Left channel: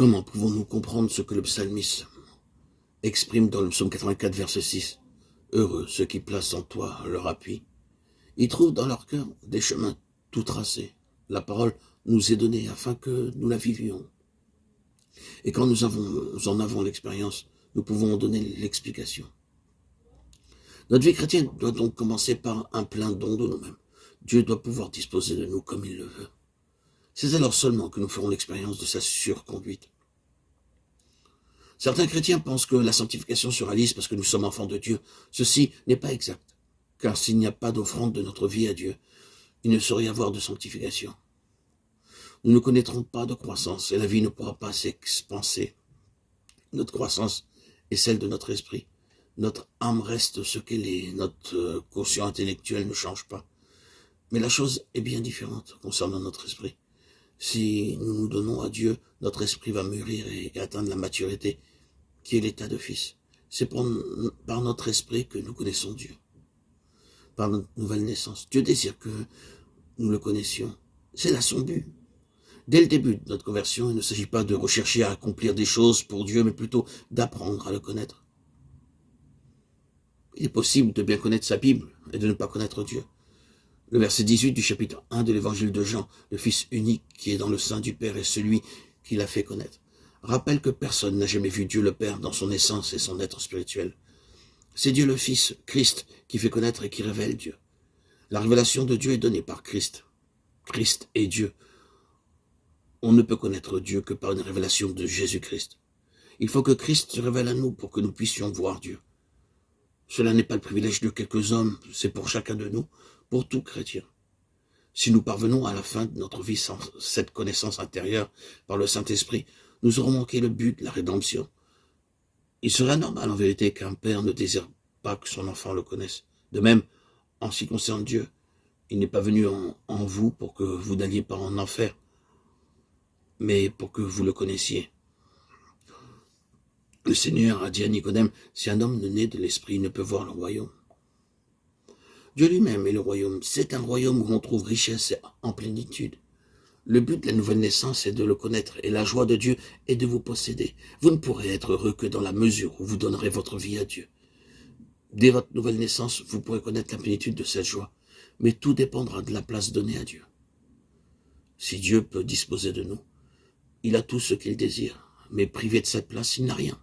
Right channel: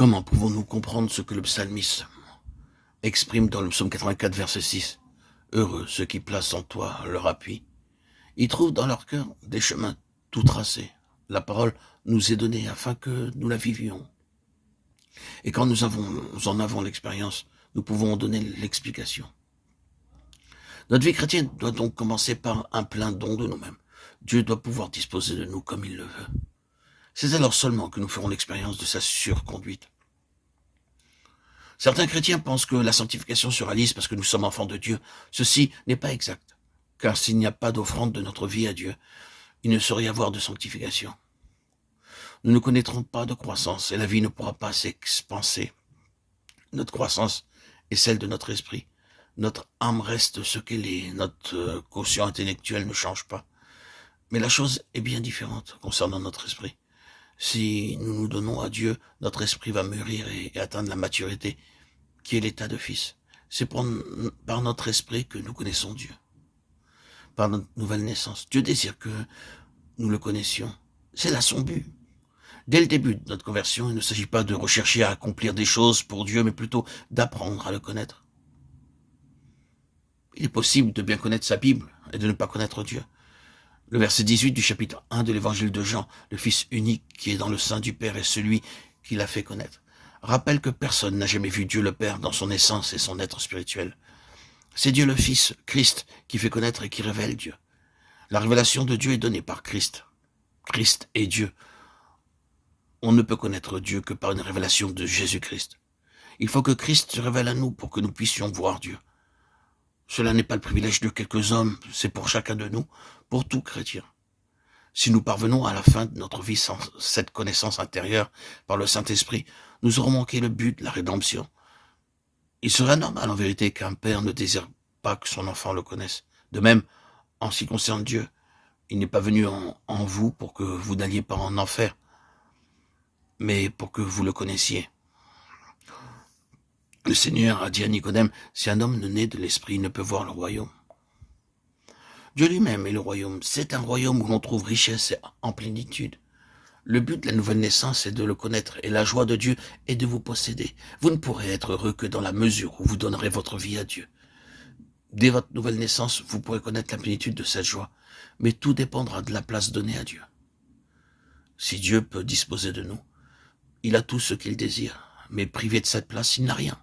Comment pouvons-nous comprendre ce que le psalmiste exprime dans le psaume 84, verset 6 ? Heureux ceux qui placent en toi leur appui. Ils trouvent dans leur cœur des chemins tout tracés. La parole nous est donnée afin que nous la vivions. Et quand nous en avons l'expérience, nous pouvons en donner l'explication. Notre vie chrétienne doit donc commencer par un plein don de nous-mêmes. Dieu doit pouvoir disposer de nous comme il le veut. C'est alors seulement que nous ferons l'expérience de sa surconduite. Certains chrétiens pensent que la sanctification sera lisse parce que nous sommes enfants de Dieu. Ceci n'est pas exact, car s'il n'y a pas d'offrande de notre vie à Dieu, il ne saurait y avoir de sanctification. Nous ne connaîtrons pas de croissance et la vie ne pourra pas s'expanser. Notre croissance est celle de notre esprit. Notre âme reste ce qu'elle est. Notre quotient intellectuel ne change pas. Mais la chose est bien différente concernant notre esprit. Si nous nous donnons à Dieu, notre esprit va mûrir et atteindre la maturité, qui est l'état de fils. C'est par notre esprit que nous connaissons Dieu, par notre nouvelle naissance. Dieu désire que nous le connaissions. C'est là son but. Dès le début de notre conversion, il ne s'agit pas de rechercher à accomplir des choses pour Dieu, mais plutôt d'apprendre à le connaître. Il est possible de bien connaître sa Bible et de ne pas connaître Dieu. Le verset 18 du chapitre 1 de l'évangile de Jean, le Fils unique qui est dans le sein du Père est celui qui l'a fait connaître, rappelle que personne n'a jamais vu Dieu le Père dans son essence et son être spirituel. C'est Dieu le Fils, Christ, qui fait connaître et qui révèle Dieu. La révélation de Dieu est donnée par Christ. Christ est Dieu. On ne peut connaître Dieu que par une révélation de Jésus-Christ. Il faut que Christ se révèle à nous pour que nous puissions voir Dieu. Cela n'est pas le privilège de quelques hommes, c'est pour chacun de nous, pour tout chrétien. Si nous parvenons à la fin de notre vie sans cette connaissance intérieure par le Saint-Esprit, nous aurons manqué le but de la rédemption. Il serait normal en vérité qu'un père ne désire pas que son enfant le connaisse. De même, en ce qui concerne Dieu, il n'est pas venu en vous pour que vous n'alliez pas en enfer, mais pour que vous le connaissiez. Le Seigneur a dit à Nicodème, si un homme ne naît de l'esprit, il ne peut voir le royaume. Dieu lui-même est le royaume. C'est un royaume où l'on trouve richesse en plénitude. Le but de la nouvelle naissance est de le connaître et la joie de Dieu est de vous posséder. Vous ne pourrez être heureux que dans la mesure où vous donnerez votre vie à Dieu. Dès votre nouvelle naissance, vous pourrez connaître la plénitude de cette joie, mais tout dépendra de la place donnée à Dieu. Si Dieu peut disposer de nous, il a tout ce qu'il désire, mais privé de cette place, il n'a rien.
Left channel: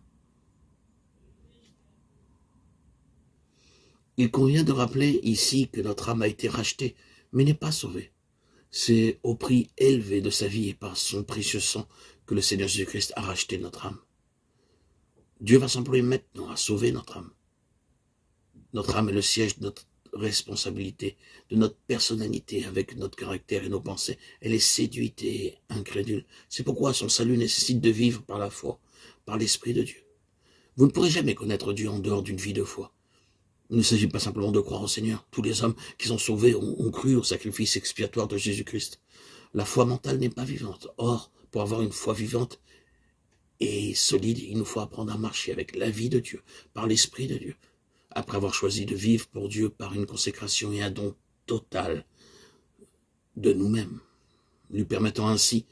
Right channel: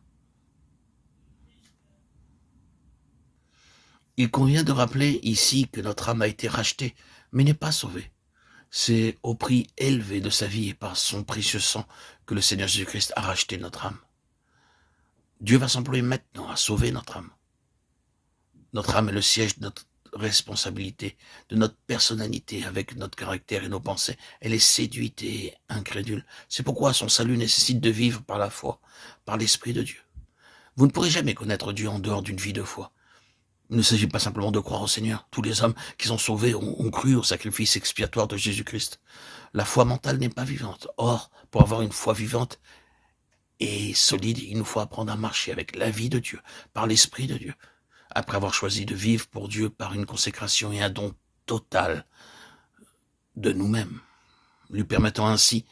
Il convient de rappeler ici que notre âme a été rachetée, mais n'est pas sauvée. C'est au prix élevé de sa vie et par son précieux sang que le Seigneur Jésus-Christ a racheté notre âme. Dieu va s'employer maintenant à sauver notre âme. Notre âme est le siège de notre responsabilité, de notre personnalité avec notre caractère et nos pensées. Elle est séduite et incrédule. C'est pourquoi son salut nécessite de vivre par la foi, par l'Esprit de Dieu. Vous ne pourrez jamais connaître Dieu en dehors d'une vie de foi. Il ne s'agit pas simplement de croire au Seigneur. Tous les hommes qui sont sauvés ont cru au sacrifice expiatoire de Jésus-Christ. La foi mentale n'est pas vivante. Or, pour avoir une foi vivante et solide, il nous faut apprendre à marcher avec la vie de Dieu, par l'Esprit de Dieu. Après avoir choisi de vivre pour Dieu par une consécration et un don total de nous-mêmes, lui permettant ainsi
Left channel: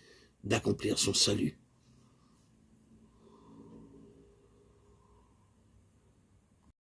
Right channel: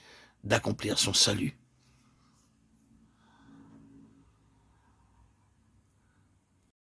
d'accomplir son salut